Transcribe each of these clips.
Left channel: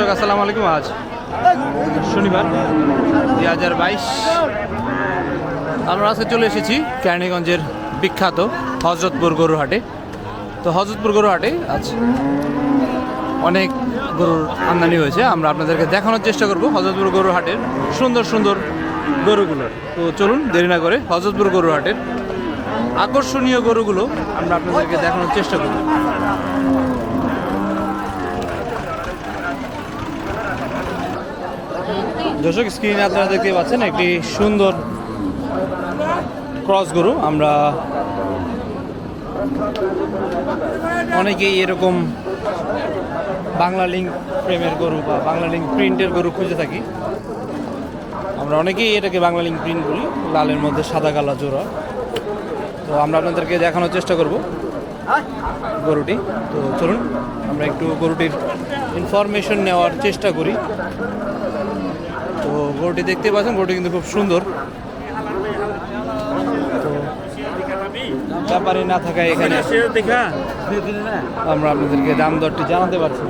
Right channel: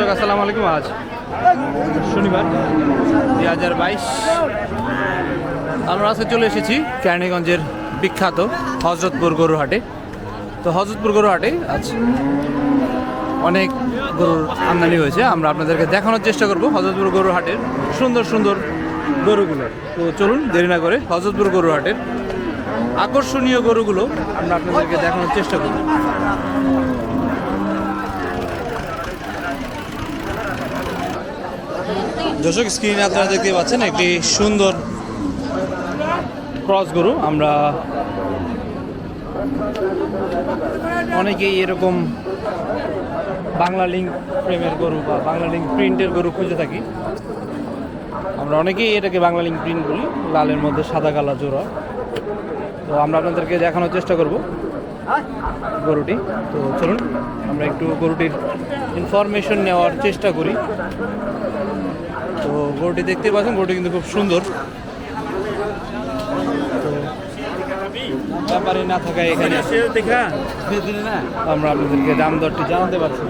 দর্শক, আসসালামু আলাইকুম আজ শনিবার দুই হাজার বাইশ। আমরা আজকে চলে এসেছি কেরানীগঞ্জের বিখ্যাত হজরতপুর গরুর হাটে তো হজরতপুর গরুর হাটে আজ অনেক গরুর আমদানি হয়েছে। আমরা আপনাদেরকে দেখানোর চেষ্টা করব হজরতপুর গরুর হাটের সুন্দর সুন্দর গরুগুলো। তো চলুন, দেরি না করে হজরতপুর গরুর হাটের আকর্ষণীয় গরুগুলো আমরা আপনাদেরকে দেখানোর চেষ্টা করব। দর্শক স্ক্রিনে আপনারা দেখতে পাচ্ছেন একটি সুন্দর ক্রস গরু। আমরা অনেকেই এরকম বাংলা লিঙ্ক প্রেমের গরু বা বাংলা লিঙ্ক প্রিন্টের গরু খুঁজে থাকি। আমরা অনেকেই এটাকে বাংলা লিঙ্ক প্রিন্ট বলি, লালের মধ্যে সাদা, কালা, জোড়া। তো আমরা আপনাদেরকে দেখানোর চেষ্টা করব গরুটি। তো চলুন, আমরা একটু গরুটির ইনফরমেশন নেওয়ার চেষ্টা করি। তো গরুটি দেখতে পাচ্ছেন গরুটি কিন্তু খুব সুন্দর। তো ব্যাপারে না থাকায় এখানে আমরা আপনাদেরকে দাম দরটি জানাতে পারছি।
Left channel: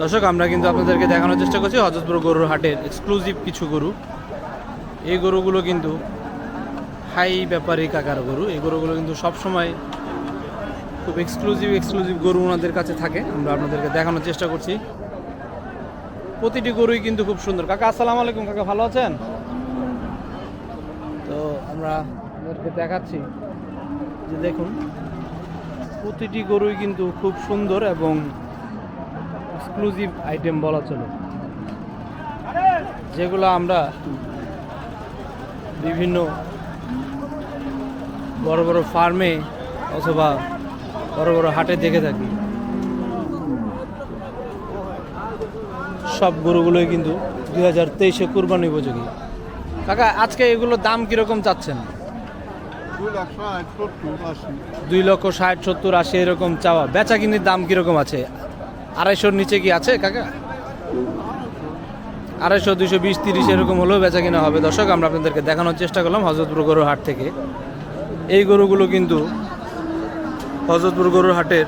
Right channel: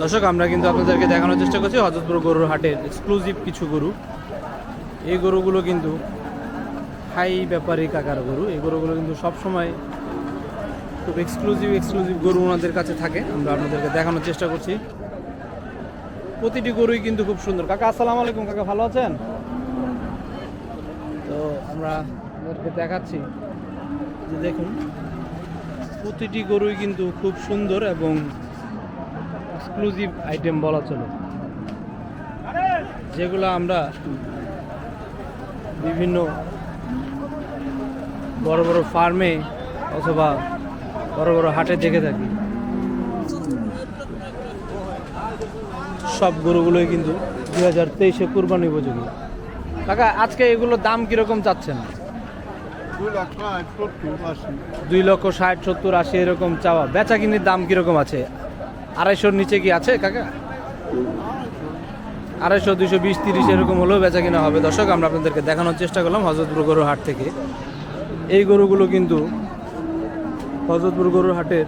দর্শক, আমরা কিন্তু আপনাদেরকে দেখানোর চেষ্টা করছি, হজরতপুর গরুর হাটের এক্সক্লুসিভ কিছু গরু। এই গরুগুলো কিন্তু হাই ব্যাপারী কাকার গরু। এই গরুগুলো কিন্তু সবসময় খুব এক্সক্লুসিভ এক্সক্লুসিভ গরু ওনাদের কাছে থাকে। আমরা আপনাদেরকে দেখানোর চেষ্টা করছি। প্রতিটি গরুই কিন্তু খুব সুন্দর। কাকা, আসসালামু আলাইকুম, কাকা, ভালো আছেন? তো আমরা আপনাদেরকে দেখাচ্ছি যে দেখুন, প্রতিটি গরুই কিন্তু খুব সুন্দর এবং এক্সক্লুসিভ আইটেম বলা চলে। যেগুলো আমরা বিভিন্ন বড় বড় ফার্মে অথবা বড় বড় হাটে দেখে থাকি। সব গরুগুলোই কিন্তু দুই হাজার তেইশে কুরবানি উপযোগী। কাকা আজকে এগুলোর দাম কীরকম চাচ্ছেন? দুই লক্ষ ষাট সত্তর আশি। এরকম চাওয়া। বেচা কিনির দাম কীরকম আছে? আড়াইশোর নিচে কি আছে কাকা? আড়াইশো দুইশো বিশ তিরিশ এরকম হলেও বেচা কিনা হবে। দর্শক আমরা আপনাদেরকে দেখানোর চেষ্টা করলাম হজরতপুর গরুর হাট থেকে। এই গরুগুলো কিন্তু হজরতপুর গরুর হাটের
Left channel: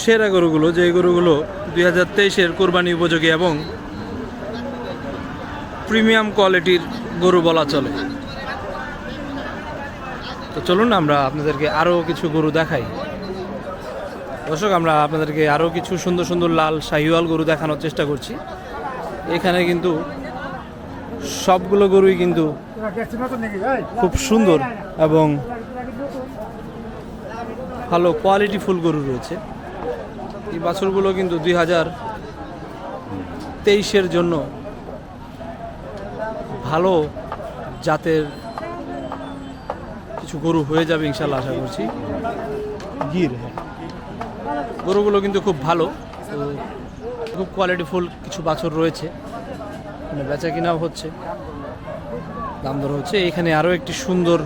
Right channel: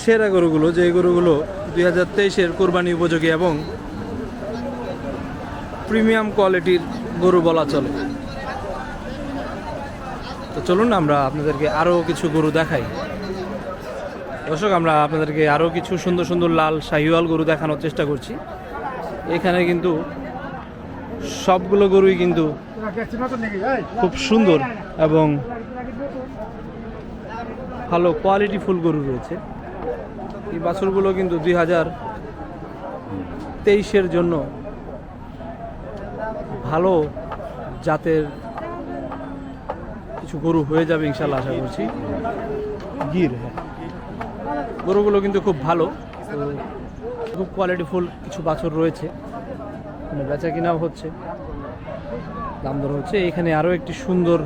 সেরা গরুগুলো যে গরুগুলো দুই হাজার তেইশের কোরবানি উপযোগী এবং প্রিমিয়াম কোয়ালিটির গরু বলা চলে। তো চলুন আমরা আপনাদেরকে আরও কিছু গরু দেখাই। দর্শক, আমরা আপনাদেরকে আরও কিছু সুন্দর সুন্দর লাল শাহিওয়াল গরু দেখানোর চেষ্টা করছি। এখানে কিন্তু সবগুলো গরুই কিন্তু খুব সুন্দর এবং ভালো কোয়ালিটি ফুল গরু রয়েছে। এই বাছুরগুলো কিন্তু দুই হাজার তেইশের জন্য ভালো জাতের কিছু গরু হয়ে যাবে ইনশাল্লাহ আশা করছি। গির হ্যাঁ। গরুগুলো কিন্তু খুব ভালো। খুব কোয়ালিটি ফুল কিছু বাছুর রয়েছে। মানে বেচা কিনাও হচ্ছে। দাম দর হচ্ছে। এখানে আরও একটি সুন্দর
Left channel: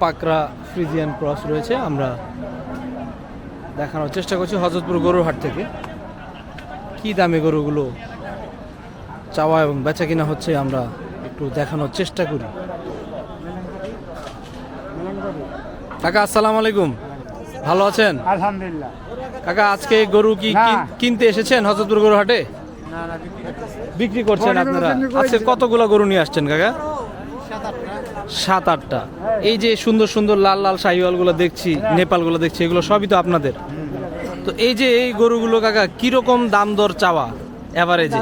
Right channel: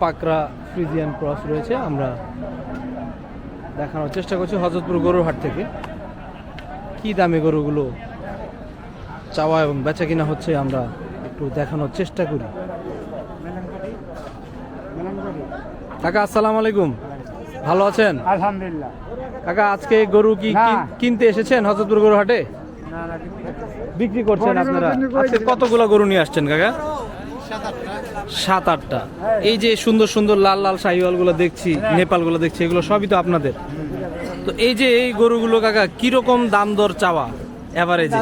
পাকরা ফ্রিজিয়ান ক্রস রয়েছে। আমরা দেখানোর চেষ্টা করছি হজরতপুর গরুর হাট থেকে। কি দামে গরুগুলো চাওয়া এবং বেচা কিনা হচ্ছে আমরা একটু দেখানোর চেষ্টা করি। কাকা আসসালামু আলাইকুম। ভালো আছেন? আলহামদুলিল্লাহ। কাকা আজকে গরু কি কিনতে এসেছেন হজরতপুর গরু হাটে? বিক্রি করছেন আপনারা? আজকে কতগুলো গরু নিয়ে আসছেন কাকা? সাত আটটা। এই যে সুন্দর সুন্দর লাল লাল শাহিওয়ালগুলো দেখছি নেপালগুলো দেখছি এগুলো সবই তো আপনাদের। তো এই যে এই গরুগুলো কাকা কীরকম দাম দর চাওয়া? এভারেজে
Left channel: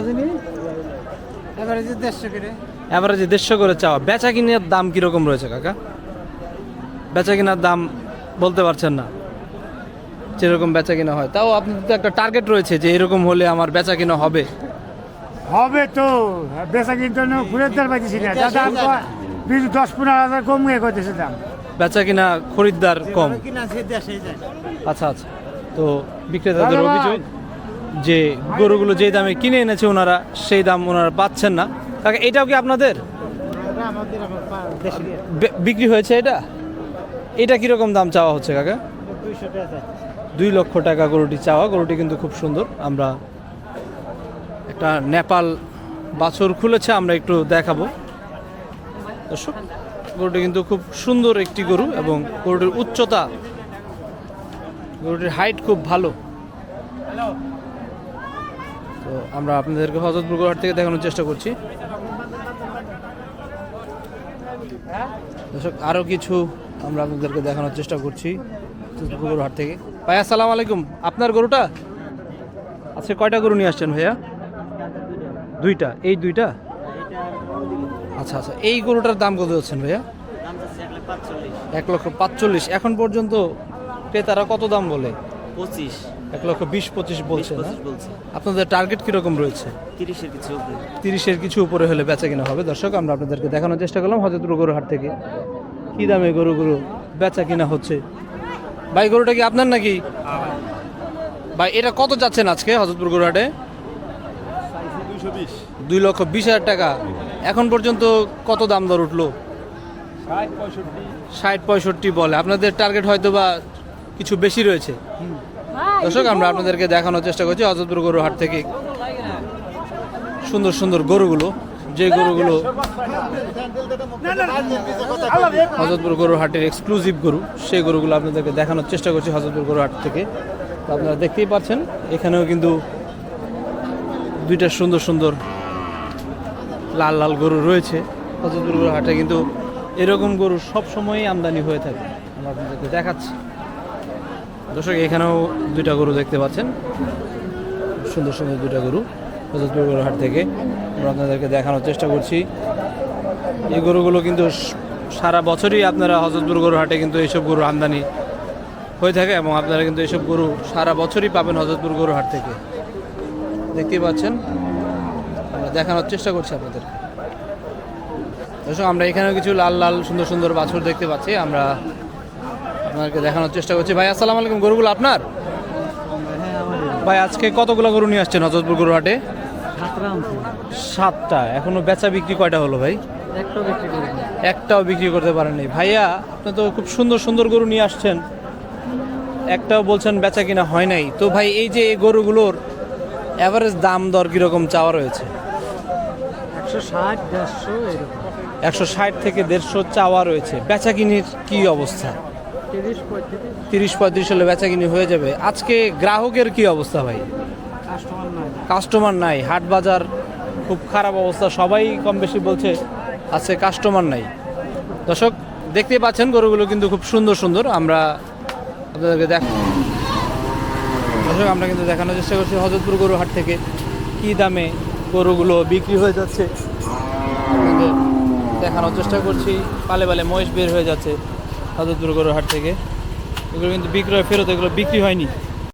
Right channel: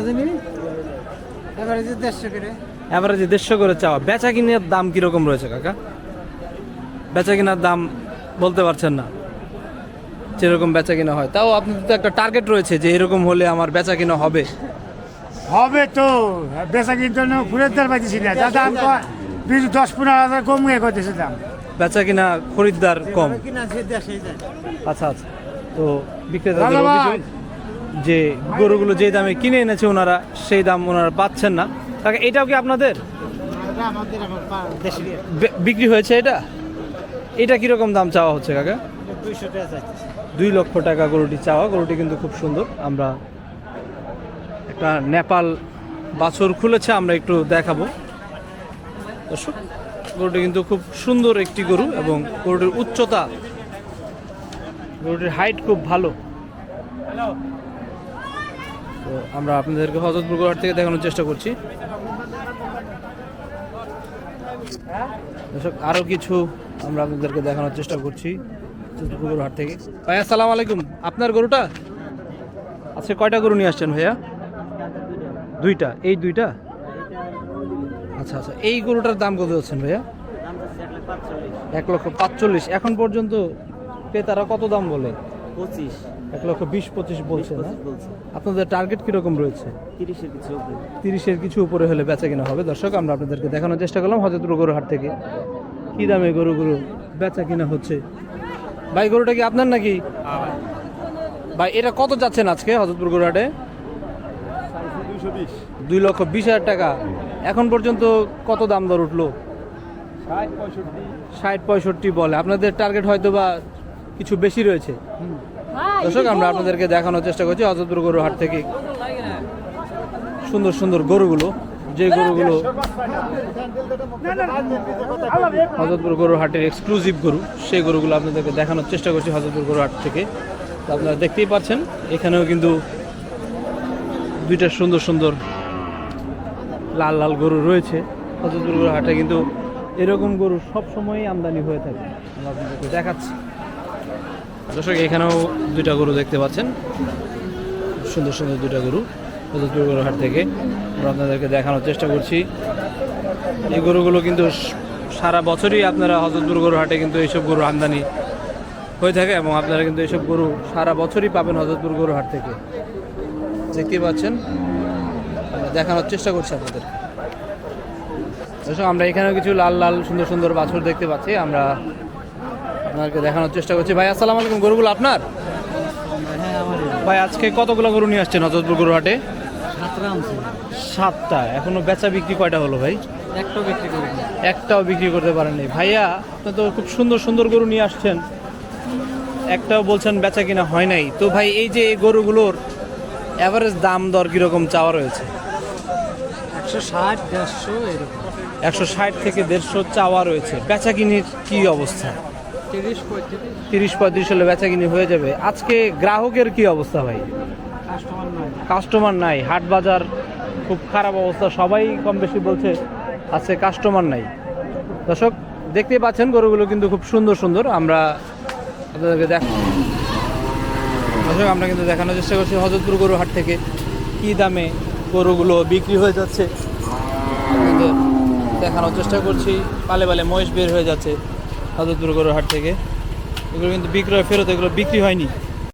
এবারে দেড়শো করে। এভারেজে দেড়শো করে চাওয়া। বেচা কিনার দাম কীরকম রয়েছে কাকা? বেচা কিনার দাম বলতে পারছেন না। যেরকম বেচা কিনা হয়। তাও আপনাদের তো একটা টার্গেট রয়েছে যে এরকম হলে আমার বেচা কিনা হবে। হবে তো। বেচা কিন্তু ফুলের দাম পাইতেছি না। কয়? বিশ দশ পনেরো হাজার কম গিয়ে করতেছে দাম। বেচা কিনা খরিদ্দার কম। আচ্ছা আচ্ছা। তো বিক্রেতাদের অভিযোগ যে গরুগুলো যে দামে কিনে এনেছে ওনারা সেই দাম ওনারা পাচ্ছেন না। কাকা এটাও কি আপনাদের? বিক্রি হয়েছে এটা? এটা কীরকম দাম চাওয়া হচ্ছে কাকা? দুই লক্ষ টাকা গরুটি চাওয়া। গরুটি কিন্তু খুব সুন্দর। আমরা একটা নেপাল বাছর খুলেছে আমরা একটু দেখাবো। দর্শক, গরুটি কিন্তু খুব সুন্দর একটি গরু এবং গরুটির উচ্চতা, গরুটির হাইট খুব ভালো। তো আমরা আপনাদেরকে হজরতপুর গরুহাট থেকে দেখানোর চেষ্টা করছি। দর্শক আরও কিছু আমরা আপনাদেরকে দেখানোর চেষ্টা করছি গরুহাট থেকে। ভাইয়া সালাম আলাইকুম। আপনার গরুটা? আজকে কয়টা গরু নিয়ে আসছেন ভাইয়া? দুইটা। এই দুইটা? আচ্ছা আচ্ছা। এই গরুটার দাম কত যাচ্ছেন ভাইয়া? এক লক্ষ পাঁচচল্লিশ। এখন পর্যন্ত ক্রেতারা কত দাম বলে? পঁচিশ। এক লক্ষ বিশ পঁচিশ বলছে আপনাদের টার্গেট কীরকম রয়েছে? তিরিশের কিছু উপরে। তিরিশের কিছু উপরে হলে বেচা কিনা হবে। দর্শক আমরা আপনাদেরকে দেখানোর চেষ্টা করলাম হজরতপুর গরু হাট থেকে। কি দামে গরুগুলো বেচা কিনা হচ্ছে? ভাই গরুটা কি আপনার নাকি? ভাই। এটা কত যাচ্ছেন আজকে হজরতপুর গরু হাটে? দুই লক্ষ বিশ হাজার টাকা। এখন পর্যন্ত কত দাম দর উঠল? ষাট পঁয়ষট্টি। বলে। আপনাদের টার্গেট হয়তো বা কিছু বেশি রয়েছে। দর্শক আমরা আপনাদেরকে দেখানোর চেষ্টা করছি হজরতপুর গরু হাট থেকে। সুন্দর সুন্দর গরুগুলো যে গরুগুলো হজরতপুর গরুর হাটের এক্সক্লুসিভ গরু সেই গরুগুলো আপনাদেরকে দেখানোর চেষ্টা করছি হজরতপুর গরু হাট থেকে। তো আপনারা দেখতেই পাচ্ছেন এখানেও কিন্তু দুইটা সুন্দর সুন্দর লাল লাল গরু রয়েছে। হজরতপুর গরু হাটে কিন্তু এরকম গরু সব সময়ই আমদানি হয়ে থাকে। আপনাদেরকে দেখাচ্ছি। দর্শক, এখানেও দুইটা গরু দেখতে পাচ্ছেন। সুন্দর সুন্দর দুইটা গরু হজরতপুর গরু হাট থেকে। আমরা আপনাদেরকে দেখানোর চেষ্টা করছি। এই গরুগুলো কিন্তু সারা বছরই আপনারা হজরতপুর গরু হাটে কিন্তু এইসব গরু আমদানি হয়ে থাকে এবং আপনারা কিন্তু এইসব গরু সারা বছরই পাবেন হজরতপুর গরু হাট থেকে। দেখতেই পাচ্ছেন। আমরা দেখানোর চেষ্টা করছি আপনাদের। দর্শক আমরা এখানেও কিছু লাল লাল সুন্দর সুন্দর বাছুর দেখতে পাচ্ছি। আমরা আপনাদেরকে দেখানোর চেষ্টা করছি। ভাই আসসালামু আলাইকুম। গরুগুলো আপনার? ভাই আজকে কতগুলো গরু নিয়ে আসছেন হজরতপুর গরু হাটে? সাতটা। এখনও বেচা বিক্রি কয়টা হলো ভাই? একটাও বিক্রি করতে পারেননি। ভাইয়া আপনি তো খুব সুন্দর সুন্দর গরু নিয়ে আসছেন। একটাও বলছেন বেচা কিনা হয় নাই। তো ভাই এই যে গরুগুলোর অ্যাভারেজ দাম দর কীরকম চাওয়া রয়েছে? একশো ষাট, দেড়শো, এরকম। একশো ষাট থেকে দেড়শো চাওয়া রয়েছে। বেচা কিনির কি অবস্থা? তিরিশ পঁয়ত্রিশ হলে বেচা কিনি হয়ে যাবে। আজকে গ্রাহকের কি অবস্থা ভাই? কাস্টমার নাই। হাট বাজার খুব খারাপ অবস্থা। সবাই কম বেশি বলছে, আছে কাস্টমার নাই। দর্শক দেখতেই পাচ্ছেন গরুগুলো কিন্তু খুব সুন্দর সুন্দর। আমরা আপনাদেরকে দেখ দর্শক, আমরা কিন্তু দেখানোর চেষ্টা করছি হজরতপুর গরু হাট থেকে কি দামে গরুগুলো বিক্রি হয়ে যাচ্ছে। আপনাদের দেখানোর চেষ্টা করছি, পালে পালে মহিষ বের হয়ে যাচ্ছে হজরতপুর গরু হাট থেকে। এগুলো কিন্তু বিক্রয়, ফেরত এগুলো বিক্রি হয়নি।